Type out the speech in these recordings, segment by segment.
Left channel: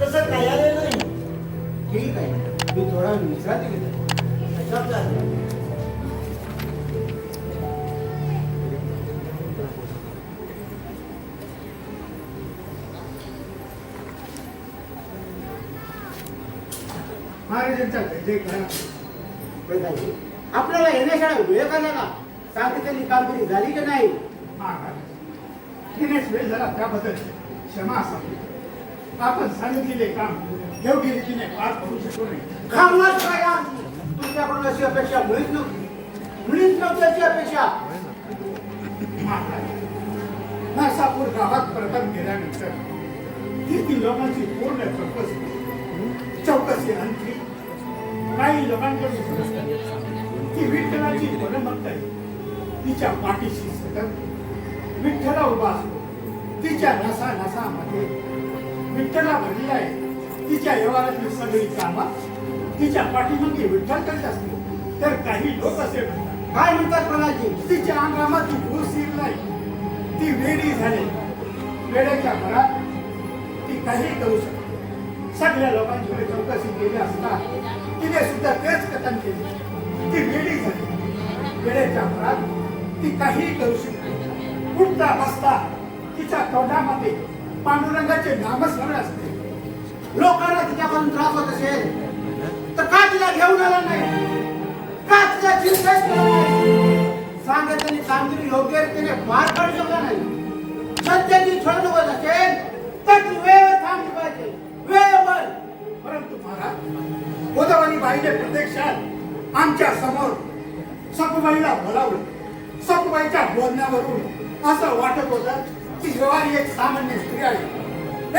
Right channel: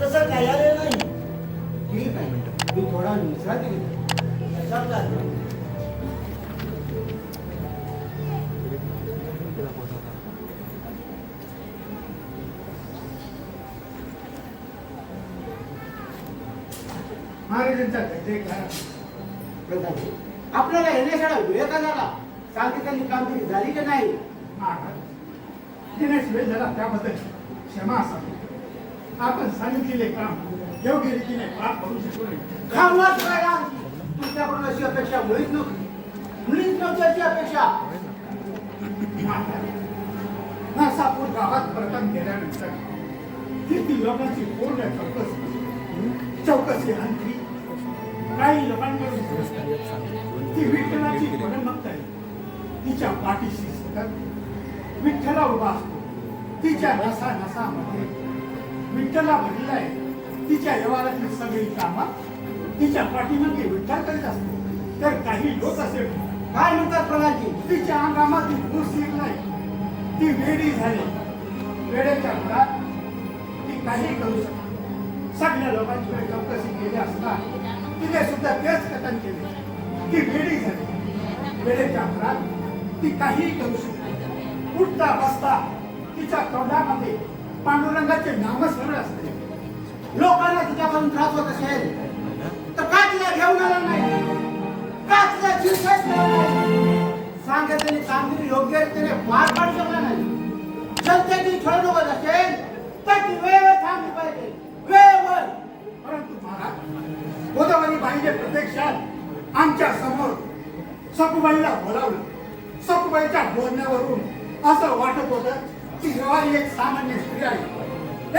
तसं काही आले नाही. ठीक आहे, मी थोडा विश्रांती घेतो. समजा महाराजांचा गजय करा. प्रधानजी, आपल्याला येण्यासाठी वेळ का झाला? सांगितलेली कामगिरी झाली की नाही? येण्यास वेळ झाला त्याबद्दल क्षमा असावी. आपण सांगितलेले काम योग्य रीतीने पार करू शकलो नाही. खामगाव काय आमची? तुमच्याकडून अशी अपेक्षा मुळीच नव्हती अशी अपेक्षा. नरसापूर गावात प्रथम गेल्यानंतर तिथील लोकांची पूर्ण चौकशी अंती काही लोकांकडून समजतात की विठ्ठलाची परमभक्त आहे. तिच्या पाठीशी सतत विठ्ठला उभा असतो. तिच्या नसा नसामध्ये विठ्ठला भरलेला आहे. तिच्या व्यवहारातली सगळी कामं तिच्या पाठीमध्ये विठ्ठल करीत असते. तर काही लोक असे म्हणतात, काय म्हणतात प्रधानजी? तिच्या अंगामध्ये भूस येत नाही. ती वेडी झाली. वेडेच्या भरात ती काही करू शकते. सगळ्या लोकांची चौकशी केली असता तिने सुद्धा तेच कथन केले की वेडी झाली. वेळेच्या भरात ती काहीही करू शकते. उठता बसता तिच्या तोंडामध्ये पांडुरंगाचे नामस्मरण असते. लोकांना तिच्यापासून त्रास होत असेल तर का तिला घेऊन आला नाही? का तिला चिंताच केला नाही? सांगितलेली कामगिरी योग्य रीतीने पार पाडू शकला नाही. जनतेची छळ होत असेल तर ती वेळेवर थांबली पाहिजे, वेळेवर. परंतु महाराज, गोदावरी बाईने प्रत्यक्षात आमच्या समोर सकुबाईला बोलावलं. सकुबाईच्या बोलण्यावरून असं वाटत होतं की व्यवहारी एक सामान्य स्त्री आहे.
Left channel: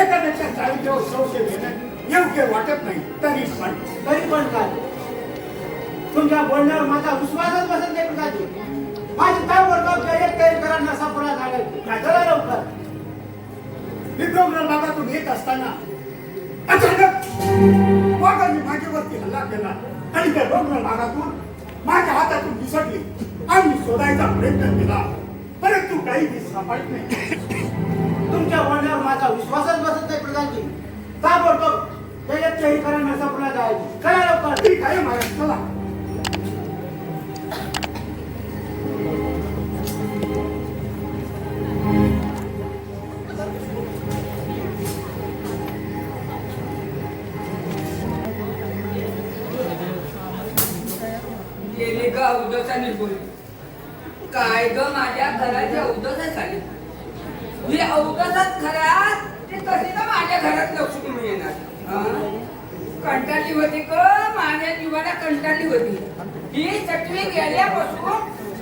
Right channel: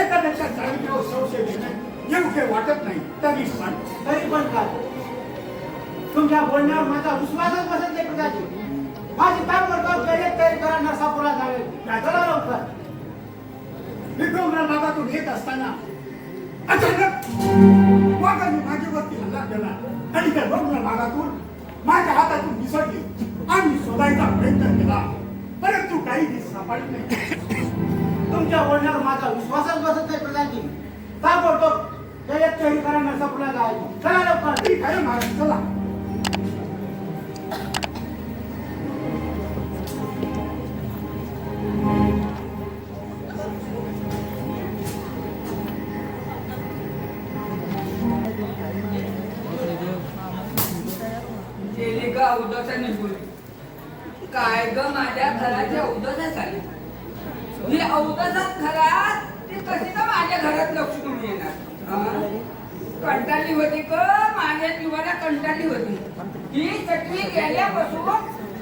एखाद्याच्या चारित्र्यावर संशय घेणं योग्य वाटत नाही. तरी पण काय, तुमच्या बोलण्यावर माझा विश्वासच बसत नाही प्रधानजी. माझी काय वर्गात तयारी करा, नरसापूरला जावे. काय करा लवकर. विक्रमगड भागातून येत असताना अचानक वाघाने माझ्यावरती हल्ला केला आणि त्या डोंगराळ भागातून माझ्या हातातून विसरली. आम्ही शोधायचा प्रयत्न केला, परंतु काही सापडत नाही. तुमच्या बोलण्यावर माझा विश्वासच बसत नाही प्रधानजी. का बोलतो त्याच्यात तयारी करा, नरसापूरला जायची. चला लवकर. ठीक आहे महाराज, चला. गेले ग अवधसा निघून. काय ग माझ्या घराच्या अवधसा झाली. ही अवधसाच घरात ती कशी का माझ्या घरात लक्ष म्हणून येणार? कंटाळली होती ग, माझ्या जीवाला कंटाळली होती. ही चटणी गेल्यापासून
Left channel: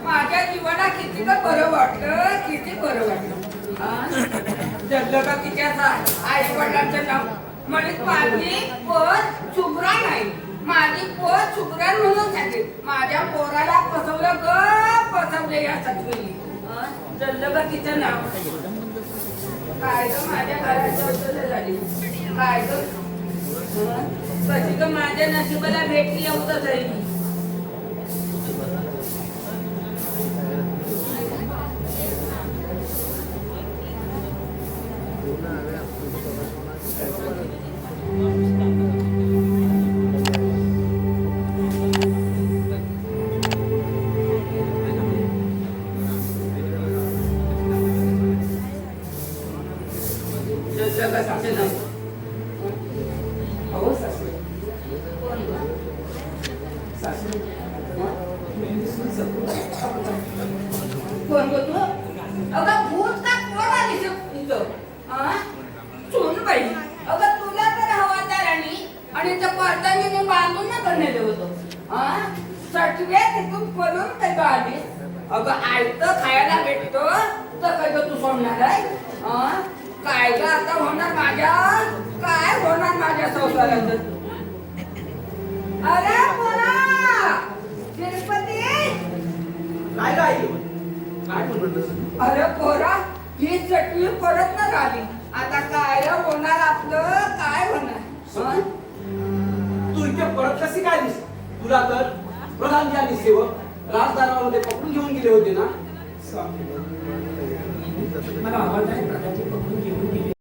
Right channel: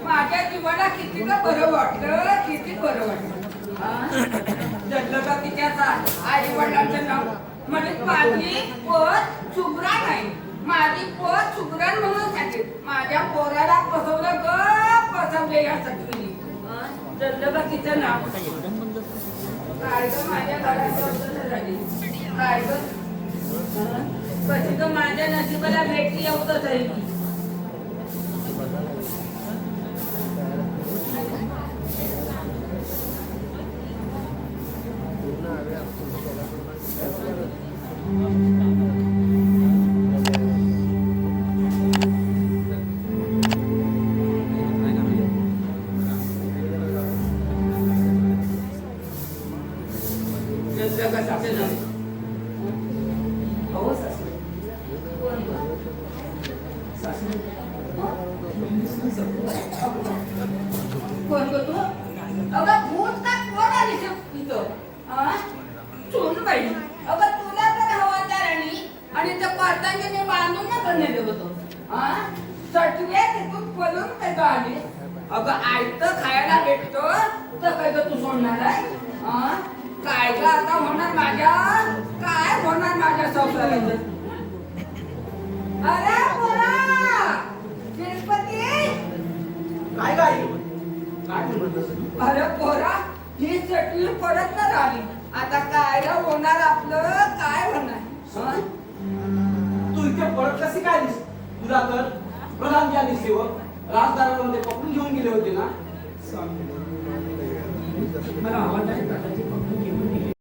माझ्या जीवाला किती का बरं वाटलं, किती बरं वाटलं. जगलं का तिच्या आई वडिलांचं नाव म्हणत माझी पत शुभ्रा नाही, माझी पत शुभ्रन म्हणून सांगते. माझ्या पोराला फसवलं ग, फसवले या चटणी. जगलं का तिचं नाव. काय ग माझ्या घराची अवसर झाली. काय ग कशी ग माझ्या नशिबाला भेटली एवढंच आहे. कोण गो तू? अगं भूत का कोण आली तुझं? चोन बाई. अगं तुला तर हवादारांनी आणि त्या पाटांनी बांधून ना बनलेलं होतं. सटवे तिथून पळून ते आली. अगं आयतं खायला भेटतो तर काय ग तू सोडणार आहे? काय ग आता होणार माझ्या, काय होणार माझ्या संसाराचं? अरे पोरा तिरुपती. काय काय काय म्हणतो? अरे पोरा ही चटणी परत न झाली. आता काय रे होणार आपलं, काय होणार? तू इथे परत कशी काय दिस? तुला तर प्रधानजी आणि सेवक राजदारावरून ते पकडून घेऊन गेले होते ना? मला आवाज नाही, पकडून घेऊन गेले.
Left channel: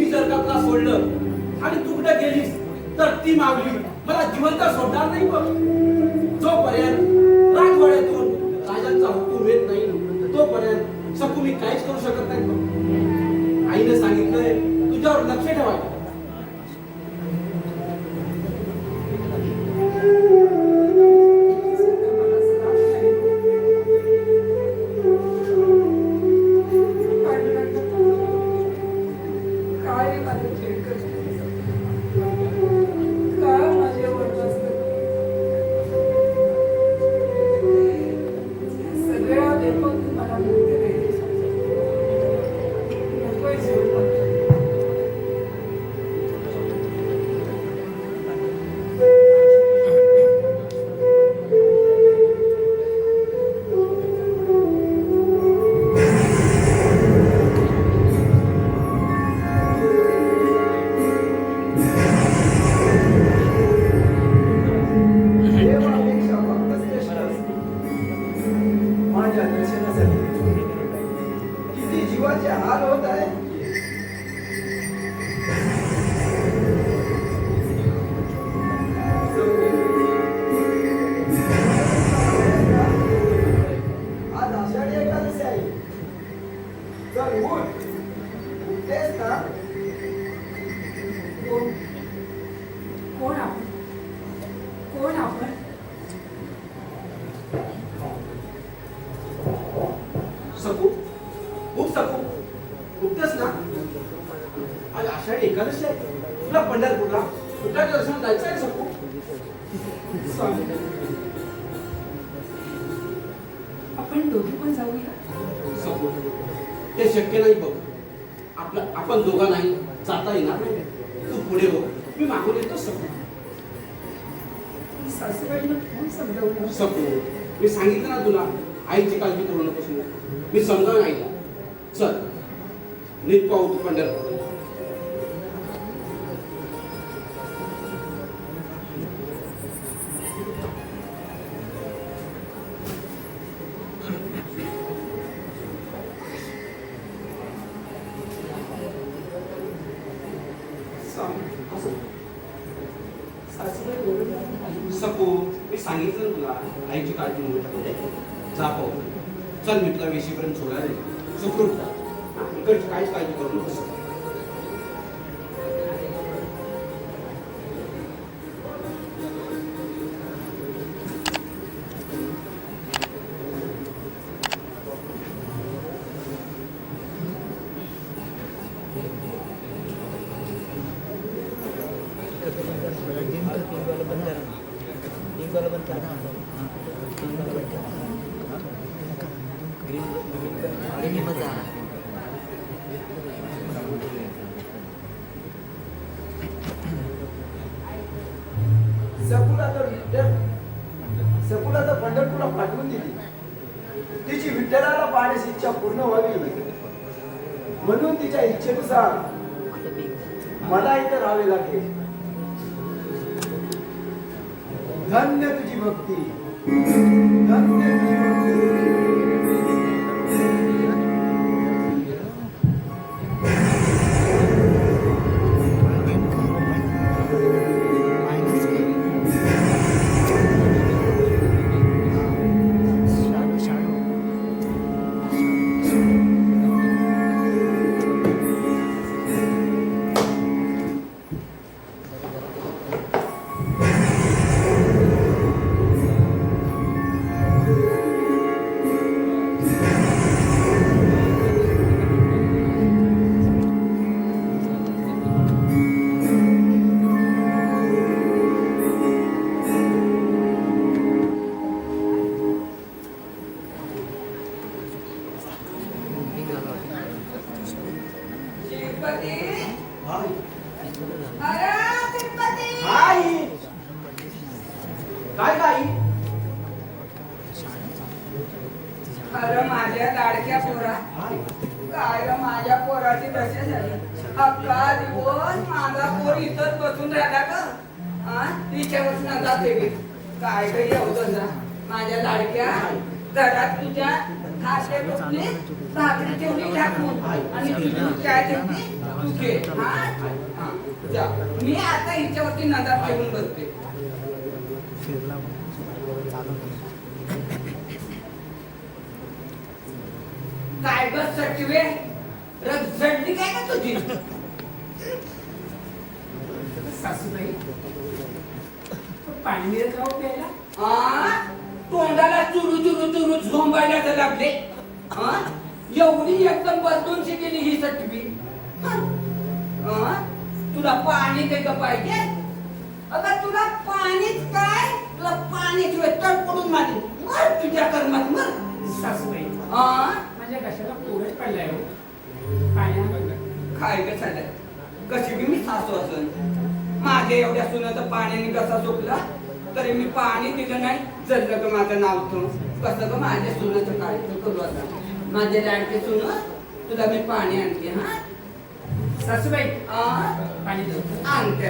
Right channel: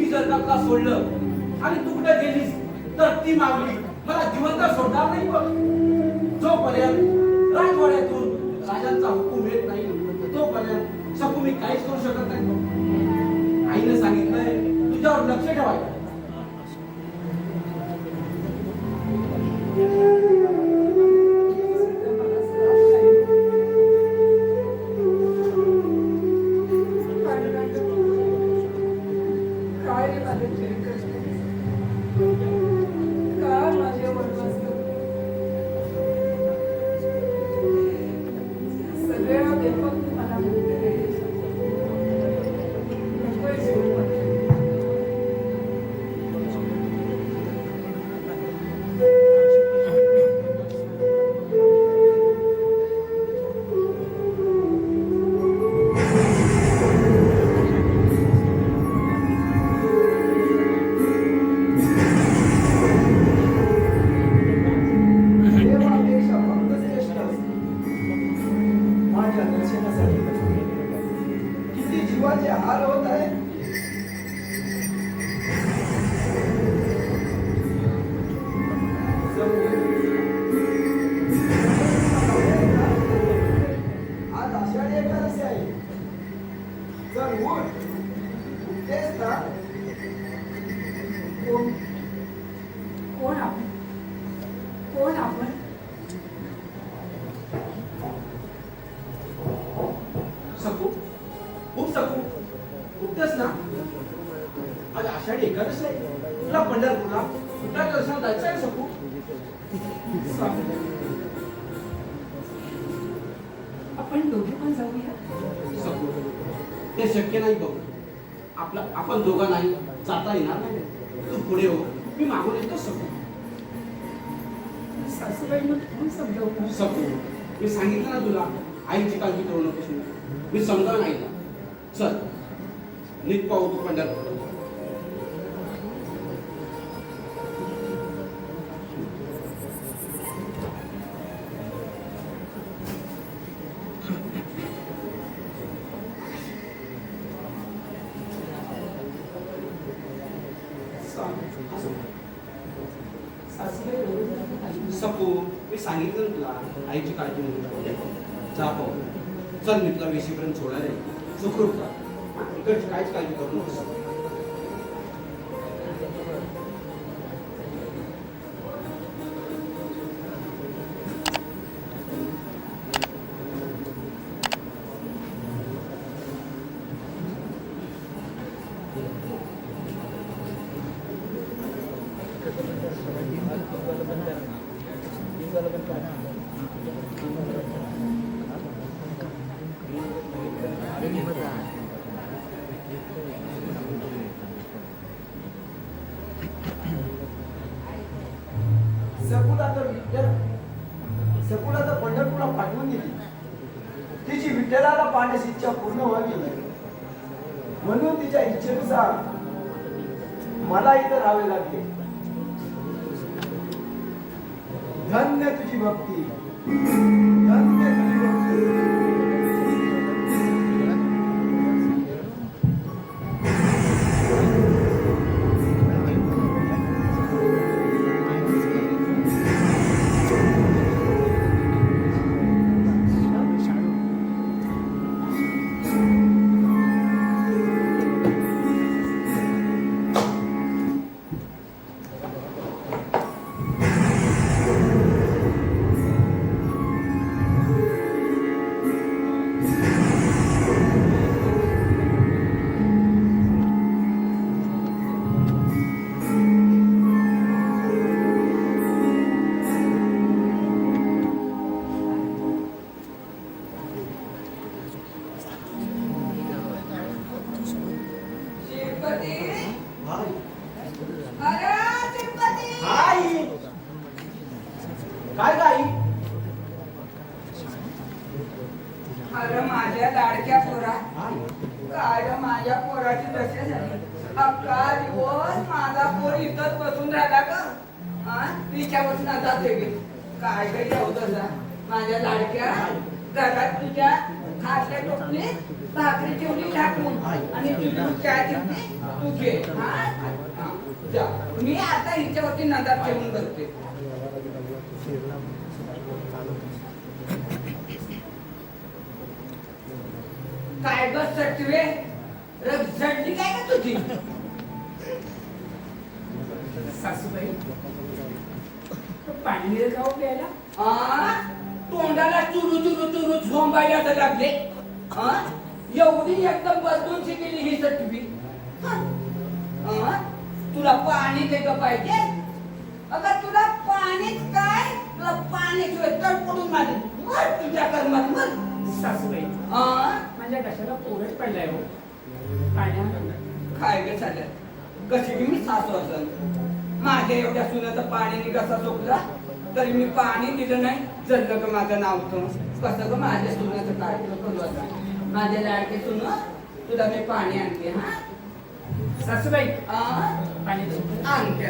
मी जर का तुला सोडलं आणि तू कुठे गेलीस तर ती मागली मला जिवंत सोडणार नाही बघ. जोपर्यंत राजवाड्यातून राजांचा हुकूम येत नाही तोपर्यंत सकू मी काहीच करू शकत नाही बघ. आईने सांगितलंय तुझ्यावर लक्ष ठेवायचं. किती जीवाचे हाल होत आहे. आज आषाढी एकादशी आहे. चल उठ, उठतेस ना? कोण आपण? कोण आपण? सकू खूप सकू उठतेस ना? आज आषाढी एकादशी आहे. तुला पंढरपूरला विठ्ठल दर्शनाला जायचं आहे सकू? आपण दोघे पण जाऊया. सकू हे शक्य नाही बघ. आपण दोघा नाही जाता येणार नाही. तू पुढे हो, मी मागून येतो सकू. सासूबाईंना कोण समजावलं? सकू मी सांगितलं ना तुला आईची काळजी करू नकोस म्हणून. मी समजावून आईला. चल नीट पाहू तू पंढरपूर. सासूबाई बरोबर. सकू मी सांगितलं ना तुला आईची काळजी म्हणून. जा पाहू. चल मी तुला वेशीपर्यंत सोडायला येईल. सुखरूप जा. इकडची काहीच काळजी करू नकोस. सकुला तर पंढरपूरला पाठवून दिली. तिची विठ्ठलाला पाहण्याची इच्छा पूर्ण व्हावी म्हणून तिच्या इच्छेनुसार मला इथे राहावे लागेल. धन्य तुझी भक्ती, धन्य तुझी भक्ती. काय बाई? अरे माझ्या लाडक्या पोरा, काय रे माझ्या पोराची दशा झाली. अक्का दिवस माझा पोर इथंच बसून राहिला का? तिच्यापासून जाते गे काय ग एवढं माझ्या लाडक्या घरात तुझ्या खाते टोपले भाकरी ठेवली टाकून आणि तुझी काय ठेवली तू घे हा जा मी आता हिच्यावरती नजर ठेवून बसते काय ग सचिवे रग झडली काय का तुझी सासूबाई पाणी मिळेल का हो प्यायला? तोंडाला चुरू चुरू चुरू झोंबायला तर लागले एवढी एकदम बदलून शिकली ही सटवी तुला पाणी काही का पाहिजे अगं तुला पाणीच काय तुला पाण्याशिवाय तडपडून मारे मर तुझ्या कर्मात मर सासूबाई माझ्या कशाला पोळच पडलाय हो पाण्यामध्ये काय ग झालं कशी की मी सासू असन माझ्या एवढ्या सुनाचं पाण्याने कसा सुकला तरी मी पाणी दिलं नाही जडलं ग माझं नाव तो कसं ग माझ्या सुनाचं काय करू आता माझे लाडके सुन तुला मी पाणी आणते हा सासूबाई पाणी देऊ आणते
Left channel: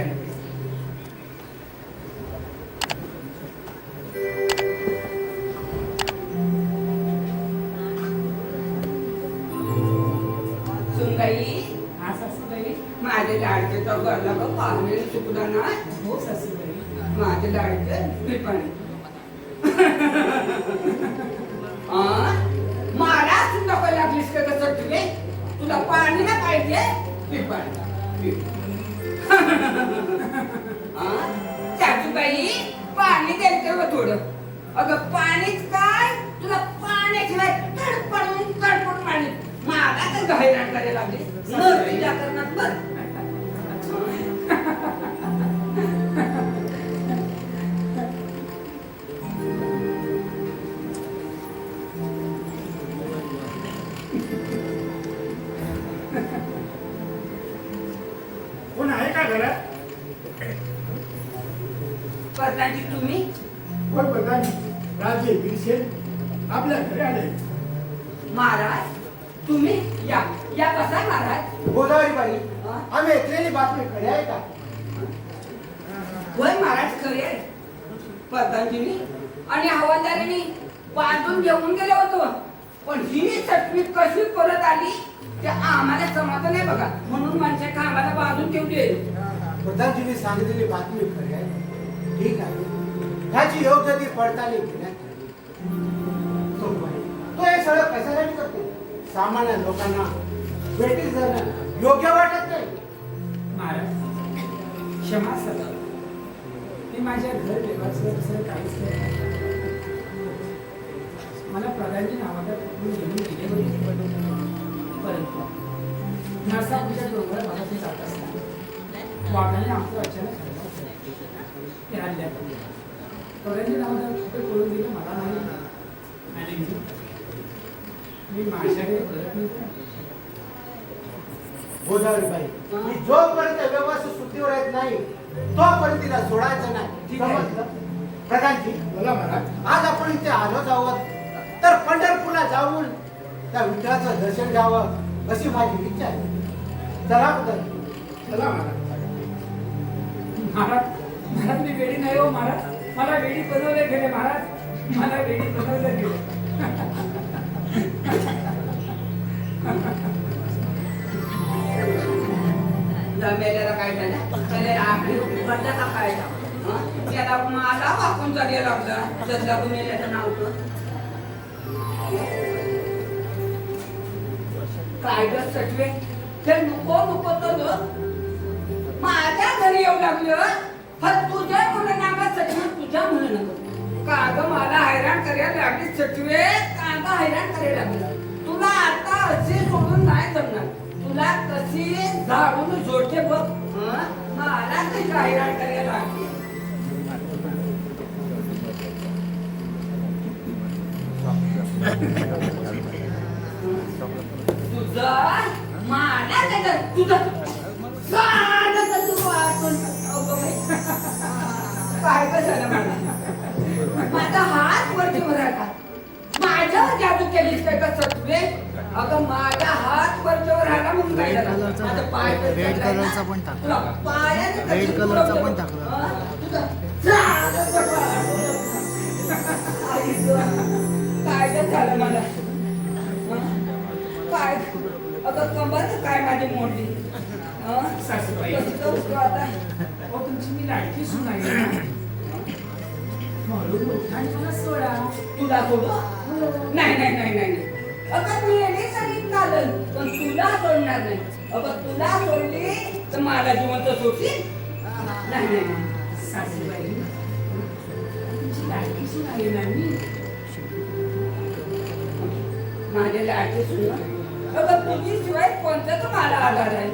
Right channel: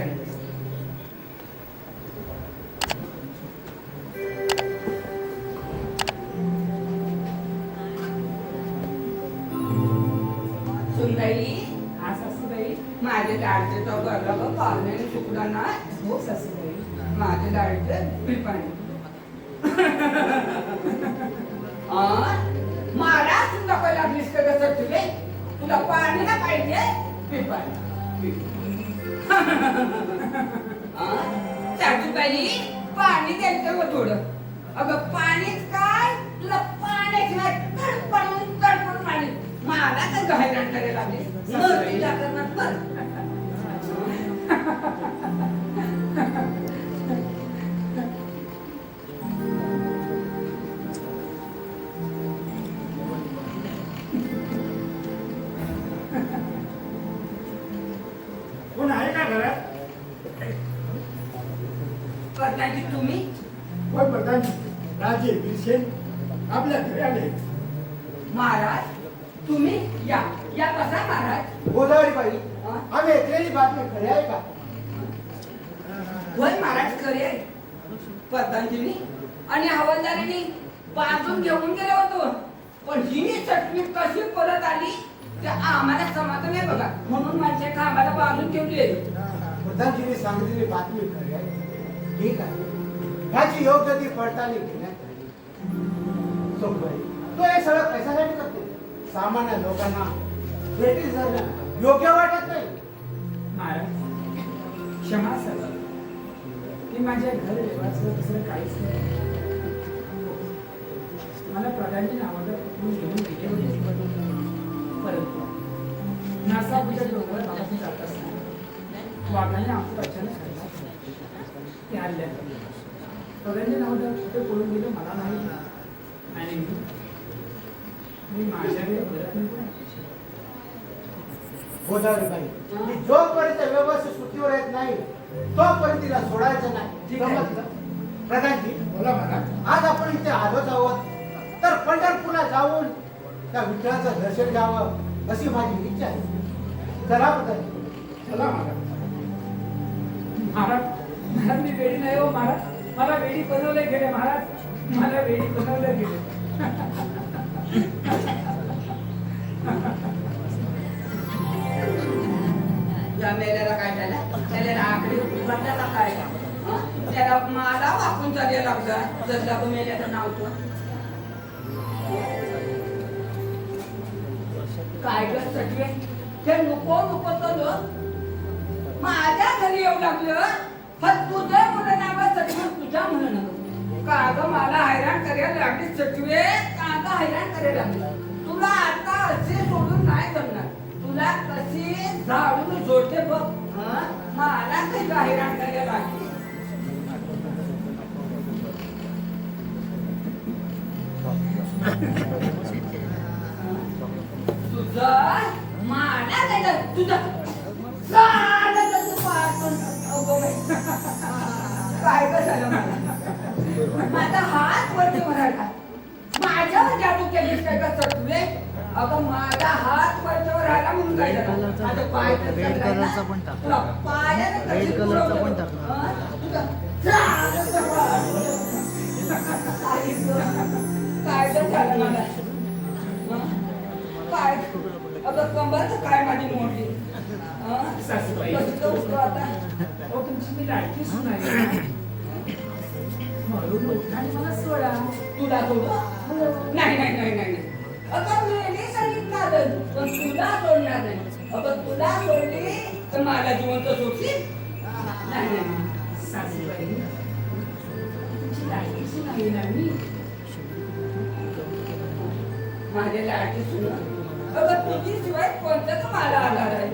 सुनबाई हा सासूबाई माझ्या लाडके चौघाला ग पाण्याने सुकला ना हो सासूबाई माझे लाडके पिपाणी मला सुद्धा काय लागलीस का कसं तुझे तुला पाणी ना पाहिजे पिपाणी सासूबाई पाणी द्यायचं थोडं अगं पाणीच काय तुला पाण्याशिवाय तडपडून तडपडून मारली मला तर हैराण करायला लागली तुझ्या करणार बरं कोण आहे का घरात? करण्याची तुम्ही कोण प्रधान राजे बिरसेन आपल्या घरी आले. महाराज तुम्ही या या कसा महाराज गोदावरी बाई हा? आम्ही ऐकलेली बातमी खरी आहे का? होय महाराज खरे आहे प्रधानजींनी आणि हवालदारीने बांधून घेऊन गेले होतो पण ही सटवी कशी परत आली ते आम्हाला समाधान आहे बघा म्हणून माझ्या कामाला बांधून ठेवली प्रधानजींनी सांगितलेली बातमी खरी आहे. ठीक आहे ह्याची योग्य ती पडताळणी घेण्यात आली. तो हे सगळं पैशासाठी करतो. सामान्य लोकांना भेटी जाणं योग्य वाटत नाही. महाराज क्षमा सर मी माझ्या घर व्यवहाराचं दुसरं काहीच नाही मला प्रधानजी नावाला कुठून घेऊन गेले होते परंतु नासापूरच्या डोंगरात भागातून जात असताना वाघाने आमचं अचानक ते हल्ल्यात प्रधानजी नावाला कुठे पळून गेलं मला माहिती आणि मी माझ्याकडे परत निघून गोदावरी बाई ही जोपर्यंत व्यवस्थित सुट्टीवर येत नाही तोपर्यंत तिला सोडायचं नाही. ठीक आहे. समजलं? प्रधानजी बोला महाराज. आज आपण इथे आलोच आहोत तर पंढरपूरला जाऊन त्या विठ्ठलाचं दर्शन घ्यावं अशी माझी इच्छा आहे. चला प्रधानजी. चला महाराज. महाराज महाराज मी वेडी नाही हो महाराज मला वेडी बनवले गेले महाराज मला वेडी बनवले गेले या मेल्याला काय झालं त्याला आखरी उघडला का काय त्याला मला वाकून चालायला लागला जसं मेल्याचं नाव होतं काय ग सटवे ते नको नको तर माझ्या घरी येऊ लागलं पण तुझ्या मुलं नावात सटवे तुझ्या मुलं नको काग मला हैराण करायला लागली सटवे काग हैराण करायला लागली तुला आता असे सोडून नाही जमणार तुला कशी झाडून जोडते बघ मला कशी हैराण करायला लागली तुझं मला काय तुझं काय कसं माझा हात वरती भरायला माझ्यावर जादू केलीस काय का सत्वे अगं माझा हात वरच्यावर राहिला म्हणून काय झालं माझा पाय तुला पायाने रेड कलरचा पण टाकला. काय तर झालं मला काय अगं कंबर काय माझी मोडली हं? सासूबाई. कसं उठतो आता? अहो, तुमची मी लाडकी सून आहे ना. म्हणून उठा आणि मला सोडा. तुला सोडू? नाही नाही नाही नाही नाही. अगं मी येणे तरी चालेल पण तुला सोडणार नाही. अगं तुला सोडली तर मला जिवंत सोडशील? नाही नाही नाही. सासूबाई, तुमची लाडकी सून आहे ना मी. माझ्या लाडकी सुन अगं तुझी शिवाय कोणताच मला आधार आहे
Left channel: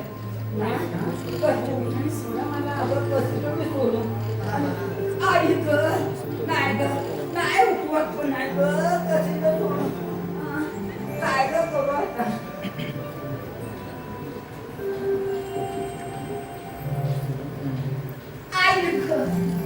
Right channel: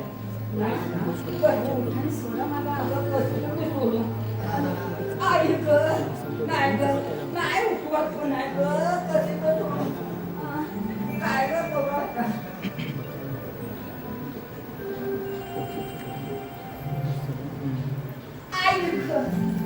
नाही ना? कसं उठा आणि सोडा मला. अगं कसं मी सोडू? आई ग नाही ग नाही उठवत पण नाही ग कशी ग सोडू? काय ग करू आता? आई ग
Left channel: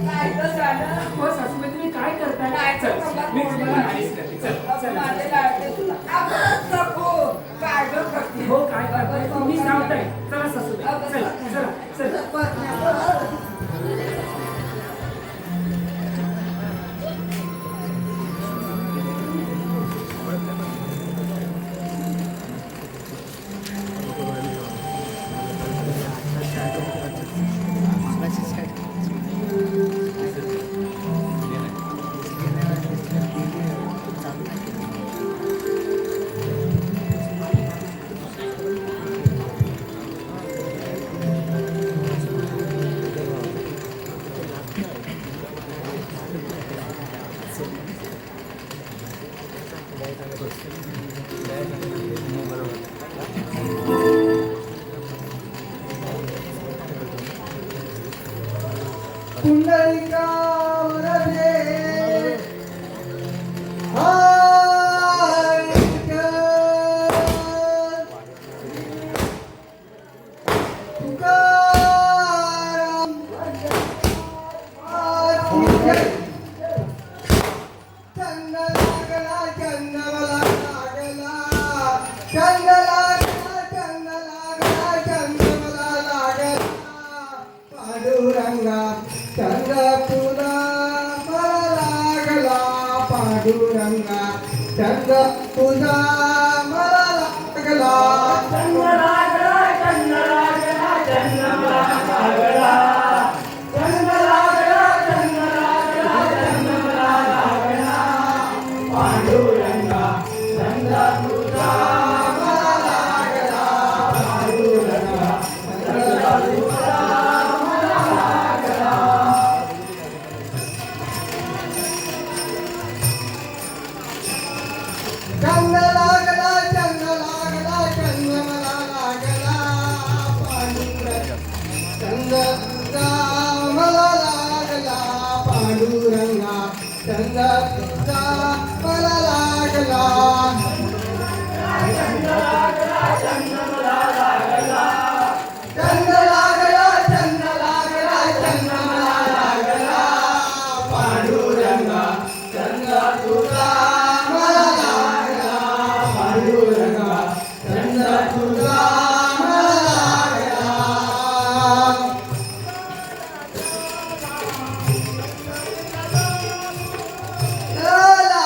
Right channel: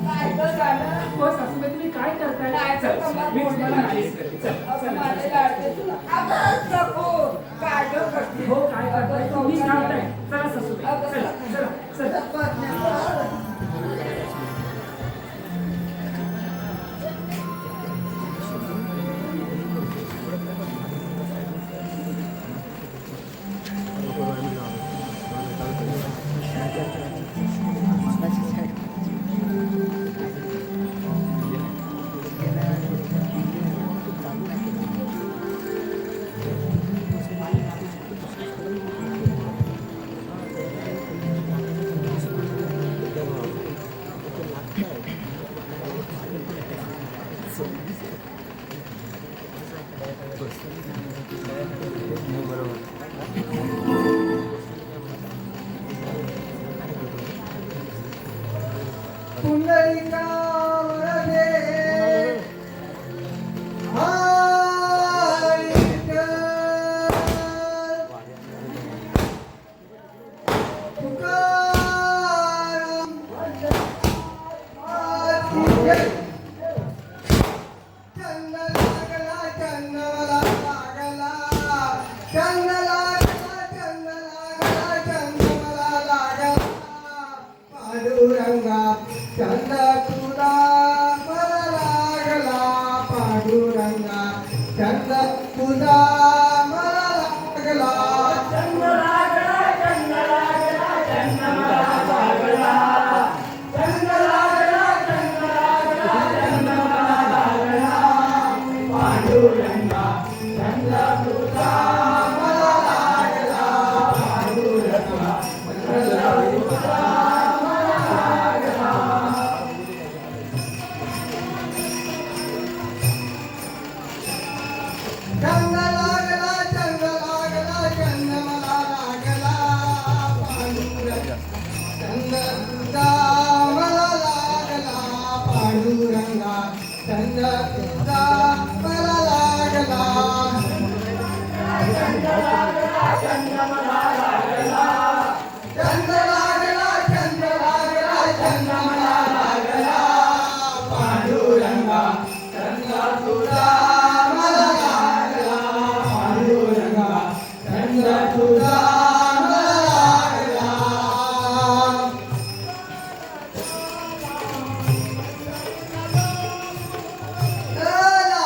काय ग झालं? हो सासूबाई, तुम्ही काय करताय? चल, मी तुम्हाला मालिश करते. चल, चल. माझ्या लाडके तुला अगं नको काय ग करते? हो, काय करताय? तुम्ही सांगताय. चला सासूबाई, चला, चला, चला. ला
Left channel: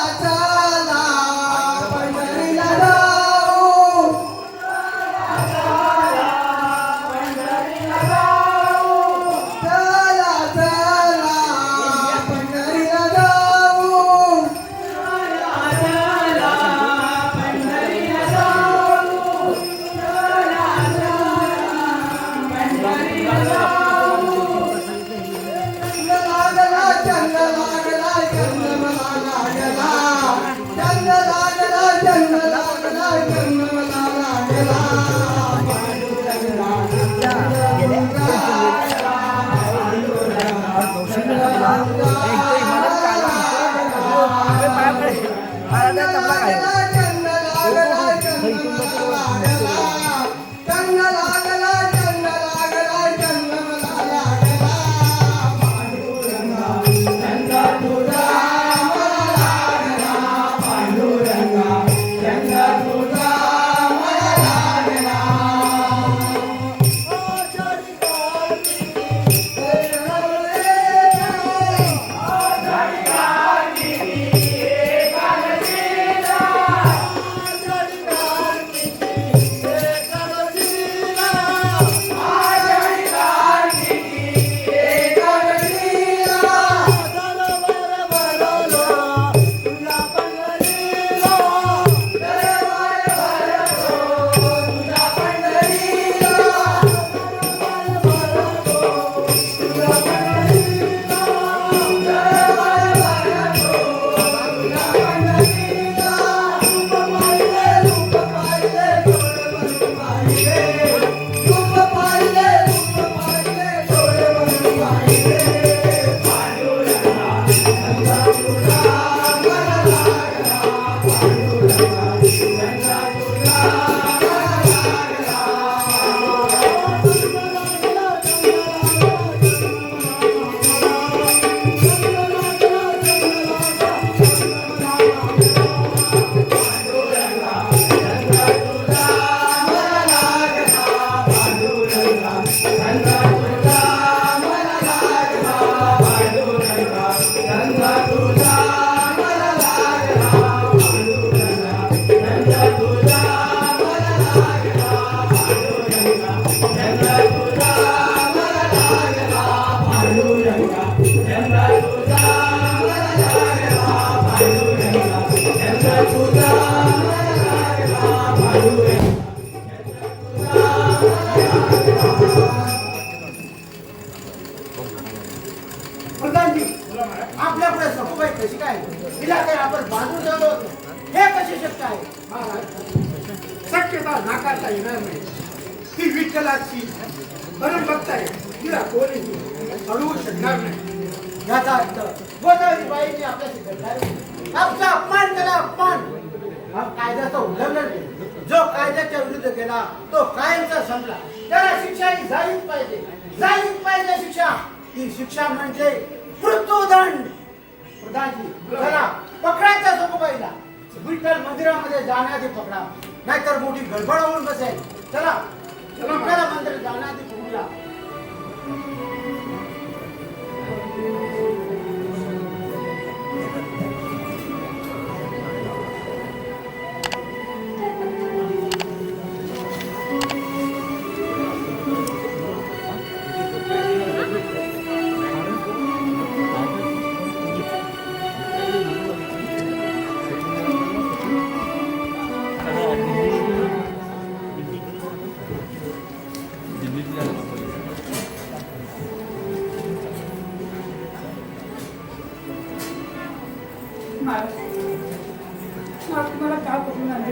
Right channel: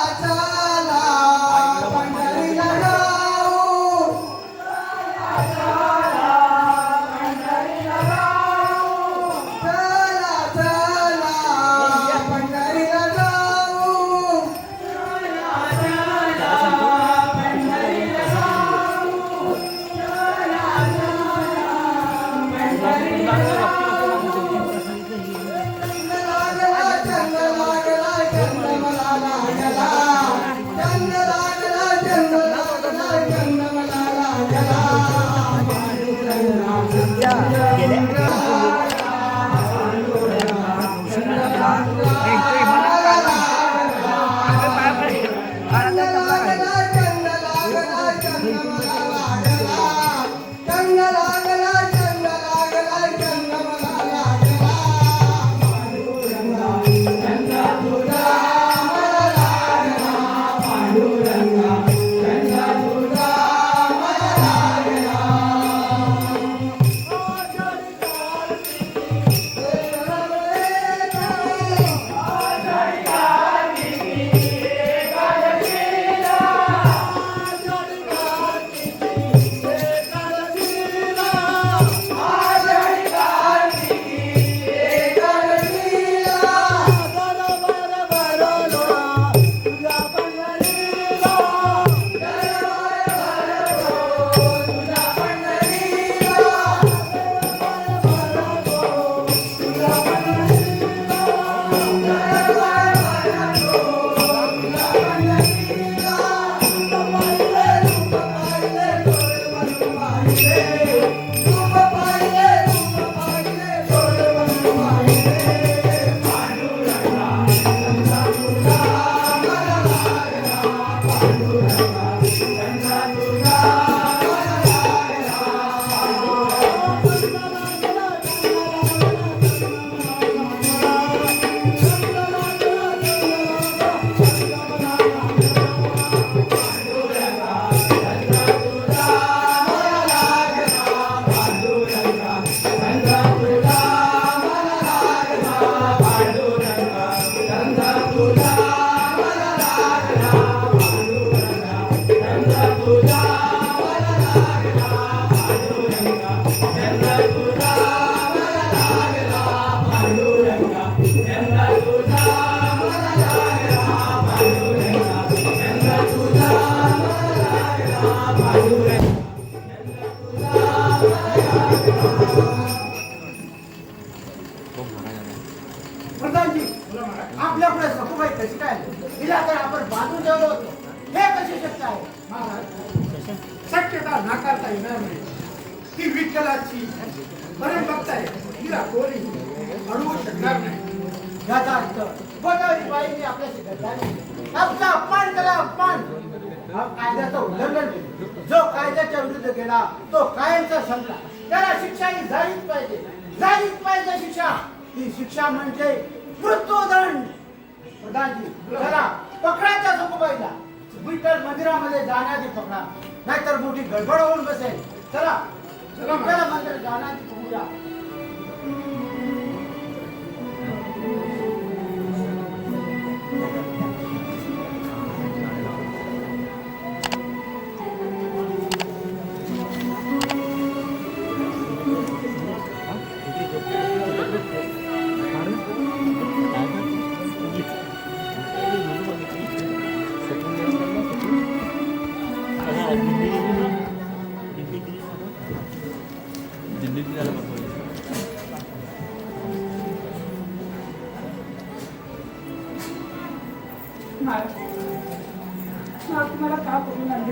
आपल्या पुढे सखूबाई कशी काय तिला तर आपण बाजू ठेवलो होतो. हे कशी शक्य आहे? महाराज शक्यता नाकारता येणार नाही. ती विठ्ठलाची परम भक्त आहे. तिला कोणी अडवू शकणार नाही. याचा अर्थ गोदावरी बाईंनी आपल्याशी गद्दारी, आमचा अपमान केला, अपमान. हा कायद्याचं उल्लंघन केलं. जो कायद्याच्या विरुद्ध गेला तो कायमचा संपला. त्याला शिक्षा ही झालीच पाहिजे, झालीच पाहिजे शिक्षा. ही शिक्षा म्हणजे मृत्यूदंड. प्रधानजी चला पकडा त्या सखूबाईला. विठ्ठल मंदिरामध्ये जाण्याआधी पकडा, नाहीतर मोठी गडबड होऊन बसेल. चला चला मंदिरात जाण्याआधी पकडा. तुम्हाला का पकडून आणले?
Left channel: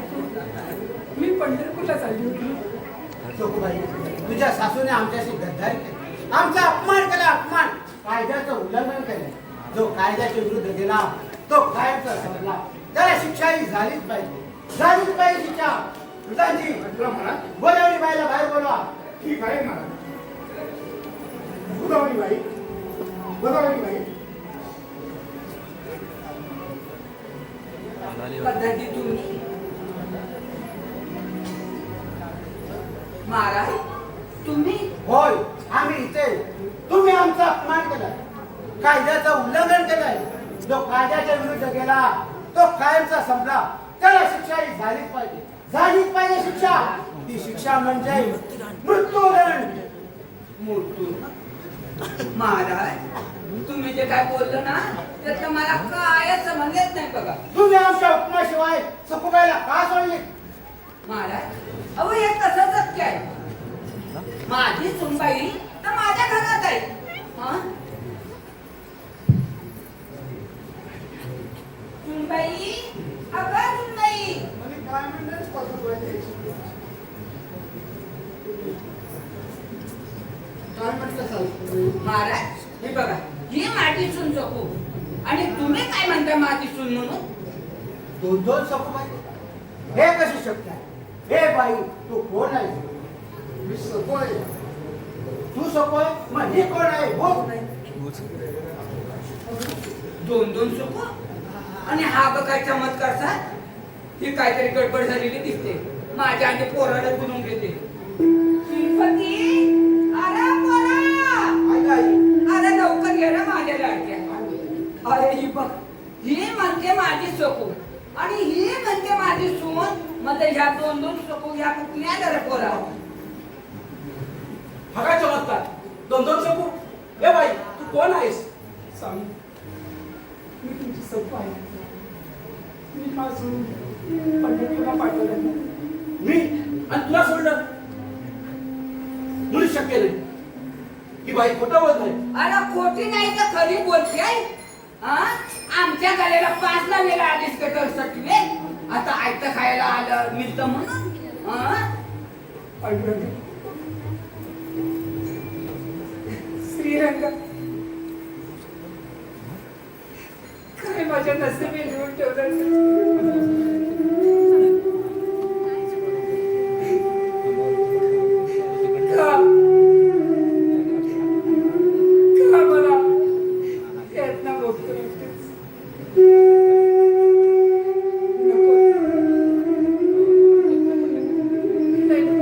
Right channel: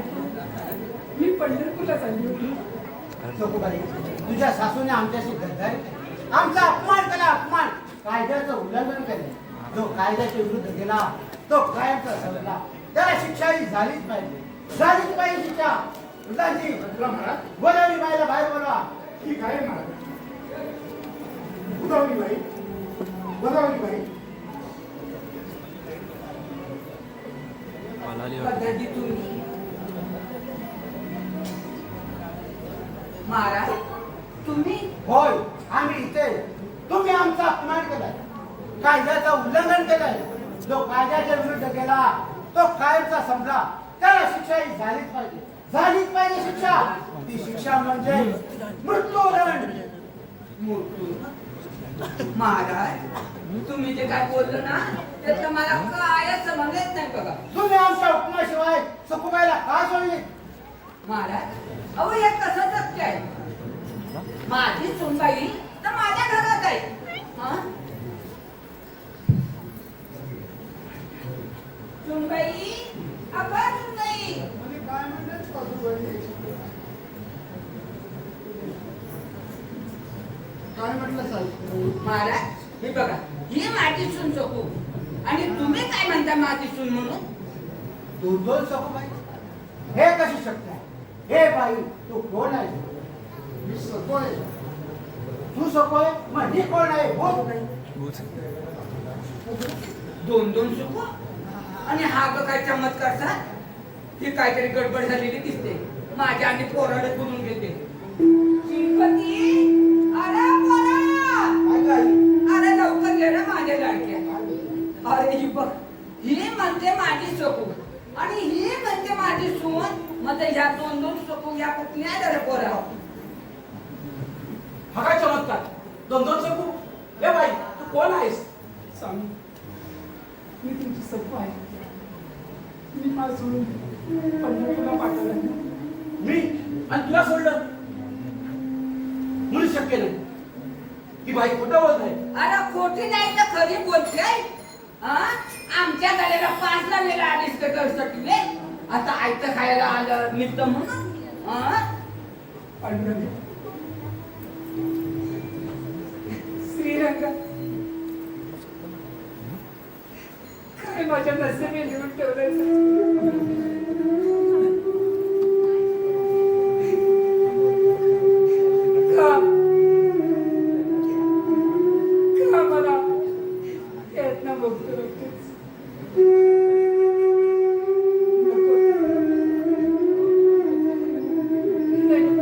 मी पंढरपूरला चालली होती. सखूबाई, तुझ्या सासूने आमच्याशी गद्दारी केली, आमचा अपमान केला, अपमान. कायद्याचं उल्लंघन केले. जो कायद्याच्या विरुद्ध गेला तो कायमचा संपला. त्याला शिक्षा ही झालीच पाहिजे, झालीच पाहिजे शिक्षा. प्रधानजी महाराज गोदावरी बाईला बाहेर बोलवा. ठीक आहे महाराज. गोदावरी बाई, गोदावरी बाई, पद्धती तुम्ही महाराज तुम्ही होय, आम्ही इथे. तुम्ही आमचा अपमान केला, कायद्याचं उल्लंघन केलं. जो कायद्याच्या विरुद्ध गेला तो कायमचा संपला. त्याला शिक्षा ही झालीच पाहिजे, झालीच पाहिजे शिक्षा. ती शिक्षा म्हणजे मृत्यूदंड. मृत्यू महाराज तुम्ही जे काय बोललो ना त्याचं मला काय समजत नाही बघा. तुम्ही आमच्या हुकमाशिवाय सखूबाईला का सोडली? महाराज अहो हे कसं शक्य आहे? माझी सुनबाई तर माझ्या घरात आहे. हा सुनबाई, अगं सुनबाई, काय म्हणतेस सखूबाई? काय म्हटलं साहेब? महाराज हे बघा ही माझी सून सकू आणि तुम्ही काय म्हणता माझी सून म्हणून? दोन दोन सखूबाई, हे कशी शक्य आहे? हे बाई तू कोण आहे? मी सखू आहे. तू सखू आहे, मग मी कोण आहे? बोल. दोन दोन सकू आणि हा बघ काय चमत्कार सा. ही काहीतरी गडबड झालेली दिसते. माझ्या आणि पोराला बोलून घेते. श्रीपती, अरे पोरा, अरे लवकर ये ना माझ्या लाडक्या. अरे ही बघ, ही म्हणते माझी सकू आणि ही म्हणते माझी सून. मध्ये ह्या दोन दोन सकू या कुठल्या आल्या रे पोरा? हा काय चमत्कार? दोन दोन शकू? हे बाई तू कोण आहेस? स्वामी, मी तुमची सखू आहे. मी मला सोडून पंढरपूरला पाठवलं. मी आणि तुला सोडलं? मुळी शक्य नाही. ही बाई खोटं बोलत आहे. अरे खोटी नाही तर खरी बोलते. हा? आमच्या गळ्याला 5 वेळा आलीस कटर सटले. आता आयतं खायला आलं मिळत म्हणून. हा? पांडुरंग, श्रीरंग, खरे माझ्या नशिबी लिहून ठेवलं. का मला यातना बघतो नक्कीच.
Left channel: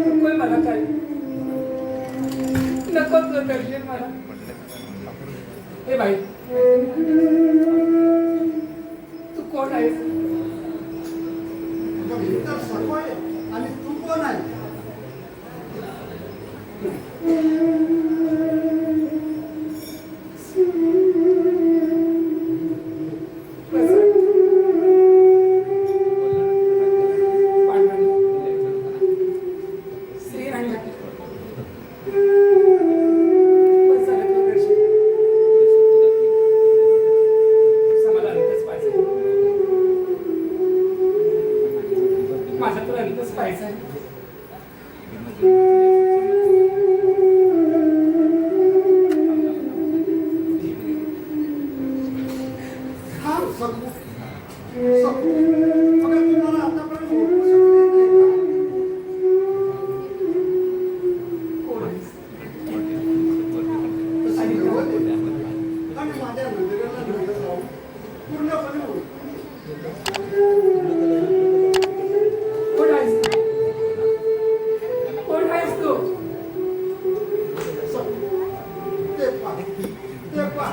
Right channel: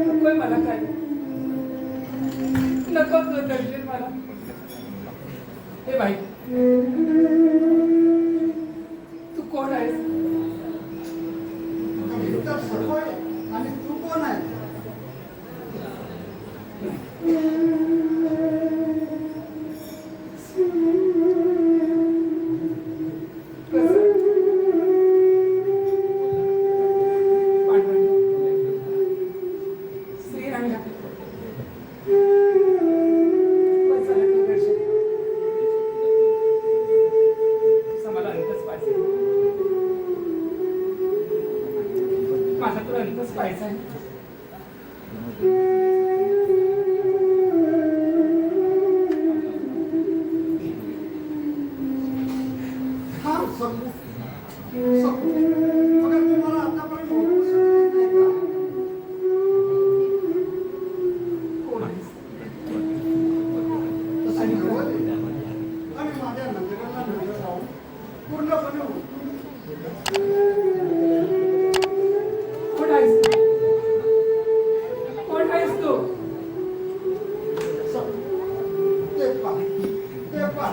नकोय मला काही. नकोच नकोय मला. हे भाई, तू कोण आहेस? मी तर सखू आहे. आणि तू कोण आहे? पूर्णपणे होईल. कोण आहेस तू? कोण आहेस तू? ते पहा